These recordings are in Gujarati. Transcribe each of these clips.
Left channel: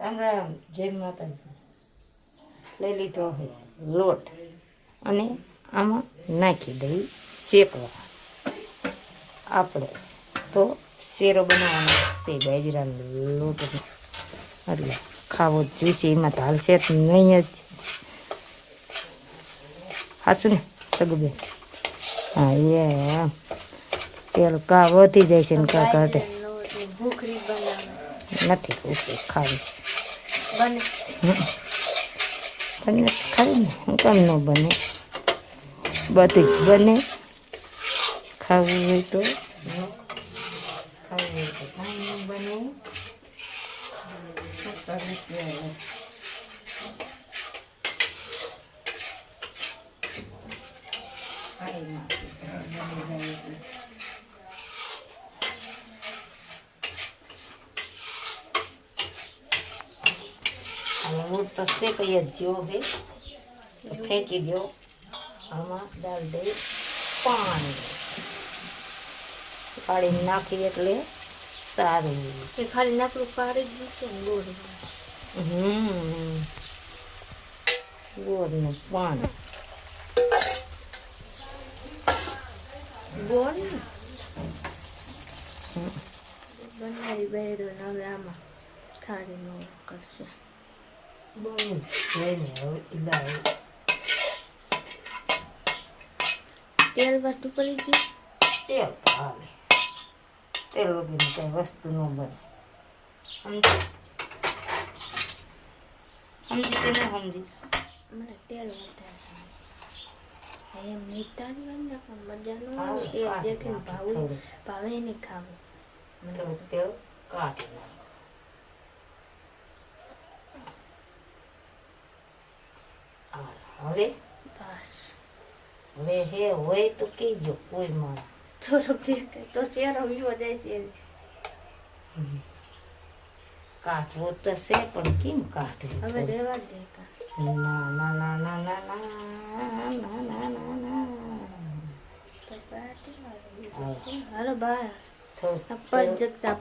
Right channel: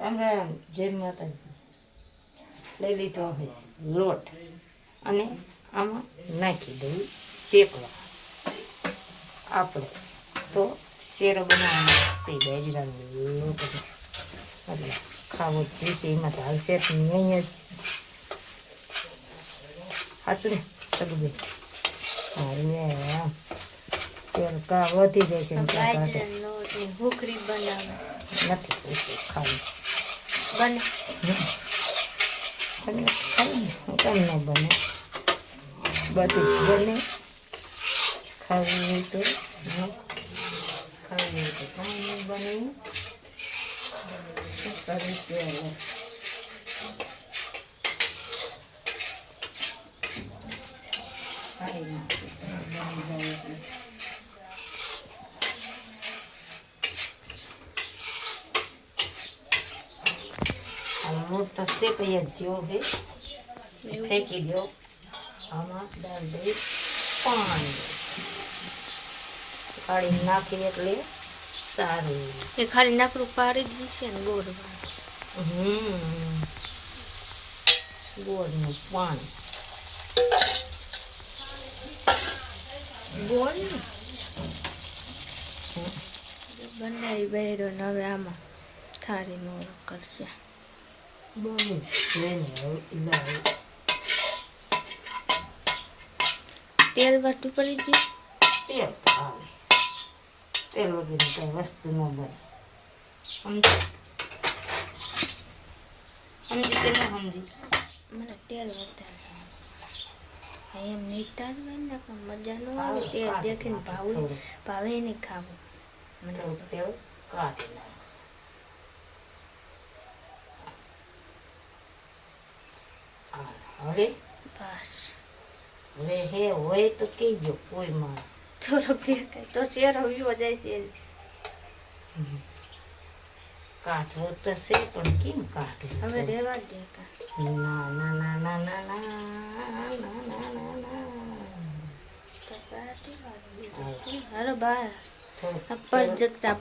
અમે જય માતાજી લઈ લીધો છે લોટ અને આમાં નાખી દઈ શેકવા. આપણે તો શેરો બનાવવાનો છે બાજરાનો લોટ એટલે ખાવો જ જોઈશે. એમાં તો હાલશે નહીં જ. હાસું ને સગુબેન? હા એ તેલ કા વધી જાય છે ને કા કાઢે ભૂખરી બનાવે નથી પૂછતું ખાવી બને બને ખાવી ને હું કેમ ન બને? બધું જ બને. ખાવું હોય તો ખાવું હોય તો કાંઈ નહીં બને. શું કરવું ત્યારે? ખાઈ નાખી બની જાય એટલે. લોટ તો શેકાઈ જ જેવો છે. ફેંકી દો. આમાં દાળ દઈ પાણી કાઢી નાખી એટલે સારું. એ ખાલી નાકડું પાડી જ છે ને ગોળ ગોળનું પાણી ગોળ બનાવી બેરો ને હવે આમાં થાળી નો કરશે. બહુ જોઈને હવે ઇલાય તેલ વાટું પડી ગયું. તેલ તો હાલે. તેલ વગેરે કઈ વસ્તુ ન બને. સમજી સમજી કે ના સમજી? મને તેલ વધારે એમ નીકળતા જ હોય ને પણ મજા ન આવે. તેલ દેખીને ભાવે નહીં ખાવું. મને તેલ કાઢી નાખ. હવે બસ હવે હે હોય તો કહેજો કોઈમાં. થોડોક દેખાય તો ચહેરો વિવો જાય છે. કાઢવો તો છે પણ કેમ કાઢવું? હવે રહેવા દે કા. ના ના ના ના ના ના ના ના ના ના. તો બાટી હાલો બહાર થોડુંક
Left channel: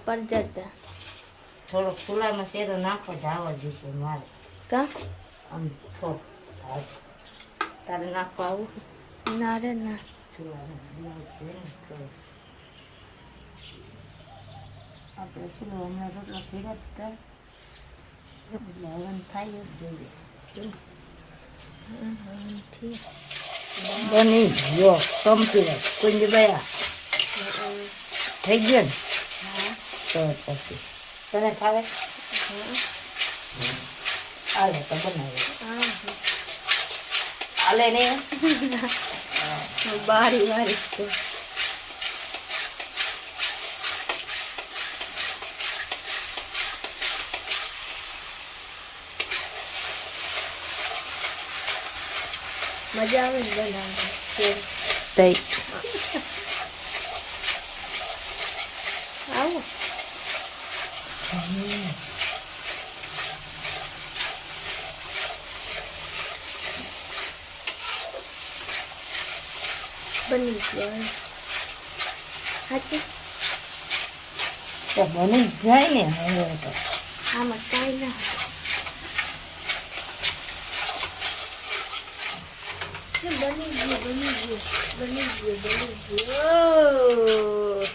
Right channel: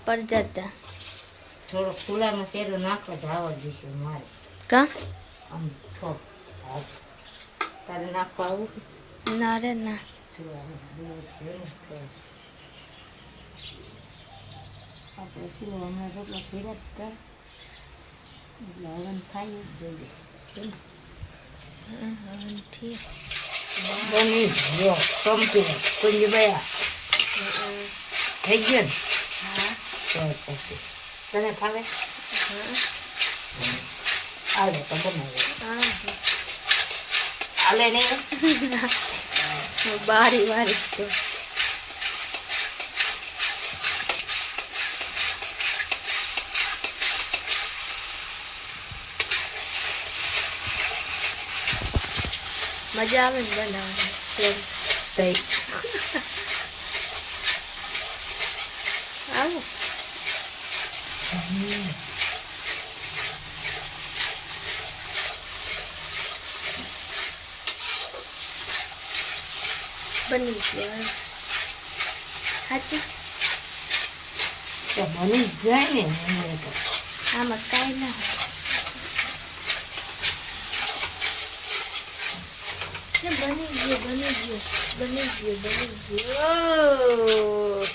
પર જતા થોડોક ચૂલામાં શેરો નાખો જ આવડ જશે મારે. કા આમ થોડુંક તારે નાખો આવું ના રે ના આપણે શું હમણાં રોટલા ફેરા હતા એટલે હવન થાય જ જોઈએ. ઠીક બની ગયો કમ્પ્લીટ. કુંજભાઈ થઈ ગયો ને? હા તો પછી તને ખાવે? આવે તો બનાવે. હા હાલે નહીં બારી વારી તો મજા આવે ને બનાવવાની. થઈ આવો બની ગયો. સાચું તો બની જ જાય ને. હવે તો આમાં કાંઈ ના બની ગયું બની ગયું બની ગયું બની ગયું.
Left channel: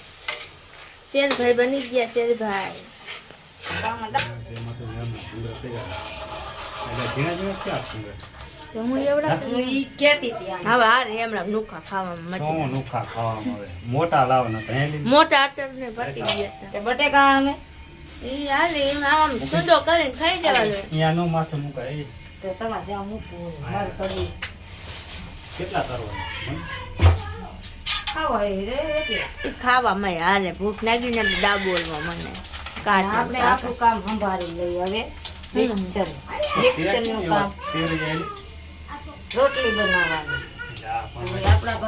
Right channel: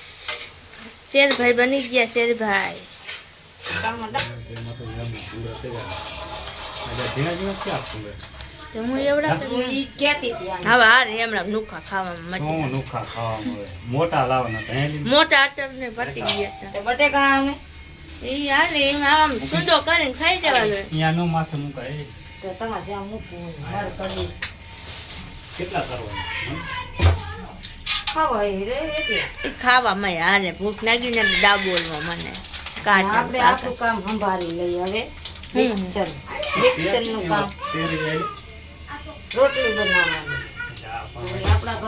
શેરભાઈ બની ગયા. શેરભાઈ હું એવડા ઈ કહેતી હતી આમ. હવે આ રે હમણાં નુખા ખાવામાં મજા. નુખા ખાવામાં આવે મોટા લાવના મોટા આટર ને પટી ગયા હતા. તો બટેકા અમે એ હાલે એમાં આમ સુડો કરીને ખાઈ જવાનું. ત્યાં નો માથે મુકાય તો તમારે જ્યાં મૂકવું હોય માર કરી કેટલા કરવાના ખાવા એ રે એટલે એ ખાવામાં હાલે. ભૂખ લાગી ને ડાબોલમાં મને કાઢે આપણે આપણું કામ સંભાળી લઈએ. હવે મિક્સરનું કામ રોટલી બનાવવાની. હવે આપણા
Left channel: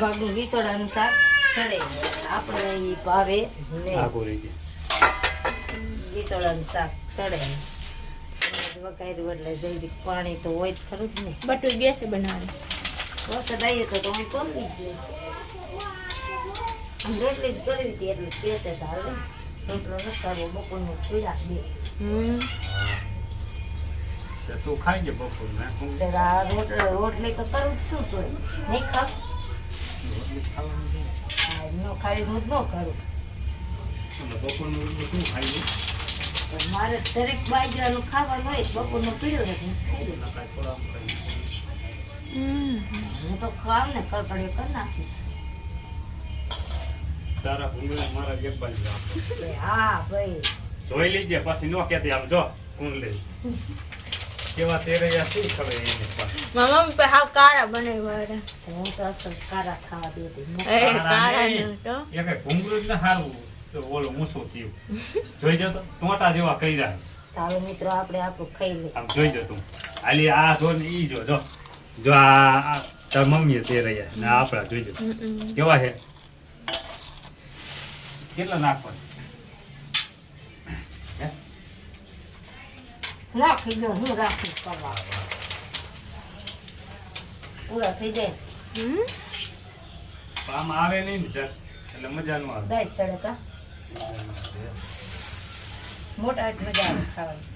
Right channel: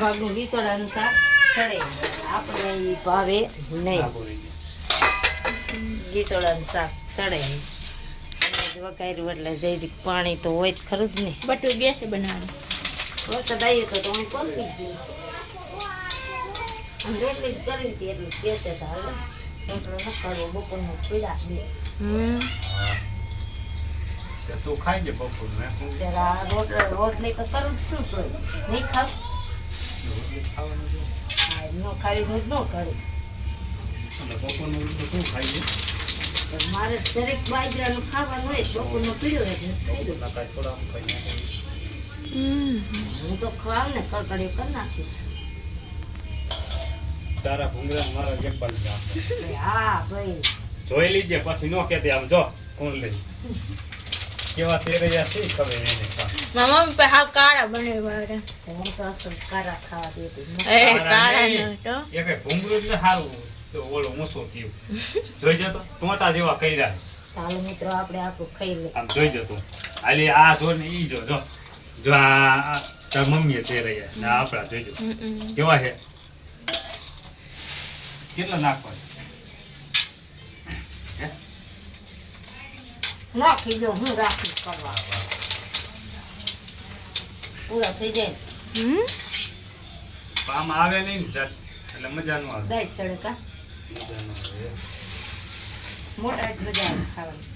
ભાગનું વિસોડાનું શાક સડે. આપણે ઈ ભાવે નહીં. વિસોડાનું શાક સડે વઘાર્યું એટલે જઈ પાણી તો હોય જ ખરું જ ને. બટું ગેસે બનાવવાનું. વરસાદ આવીએ તો હું કરી દઈએ. આમ રોટલી જ કરી હતી એટલે કેસે તો હાલે. એટલે ન કરવો બપોરનું પીડા દે તો તું ખાઈ જે બપોર ને હું ત્યારે આ રોટલી તો કરું જ છું તોય નહીં ખાવ રોટલી ખાવાનું છે. હા, ન ખાવી હું જ ન કરું અને બપોરનું રોટલું શું ખાઈ લે? પણ મારે દરેક બાજરાનું ખાવાનું હોય બપોરનું પીડ્યો એટલે ખાઈ દઉં. નકાય થોડા આમ ખાઈ નાખે. હું તો ખાવ ને કડકડી કરી નાખીશ તારા ભૂંગળા ને મારા એક બાજુ રાખો. હા ભાઈ જોઈ લીજે પછી ન કહેતી આમ જો કોણ લે કેવા તેરૈયા છે ખબર એને ખા. મારા મમ્મી હાવ કાળા બનાવ્યા હતા. હું તો અસલ કારા ખાવા દેતી એ કાળા ન તો એ કઈ ભૂંગળું જ ને સારું તો ઓલું મૂસું થયું જોઈ જતો ટોટા જેવા કર્યા ચાલો મિત્રો આપણે આપણું ખાઈ લઈએ આમ જોઈ જતું હાલી આ જો ને ઈ જો જો જો આ તાર મમ્મીએ તેરૈયા ને આપણા જોઈ જતો કેવા છે કેટલા નાખવાનું નાખી દો હું રાખી કરવા પૂરા થઈ જાય આમાં આવે નહીં ને જટ એટલે મજા ન આવે દાય ચડે કા મજા ન આવે મોટા જ મજા આવે ખાવાની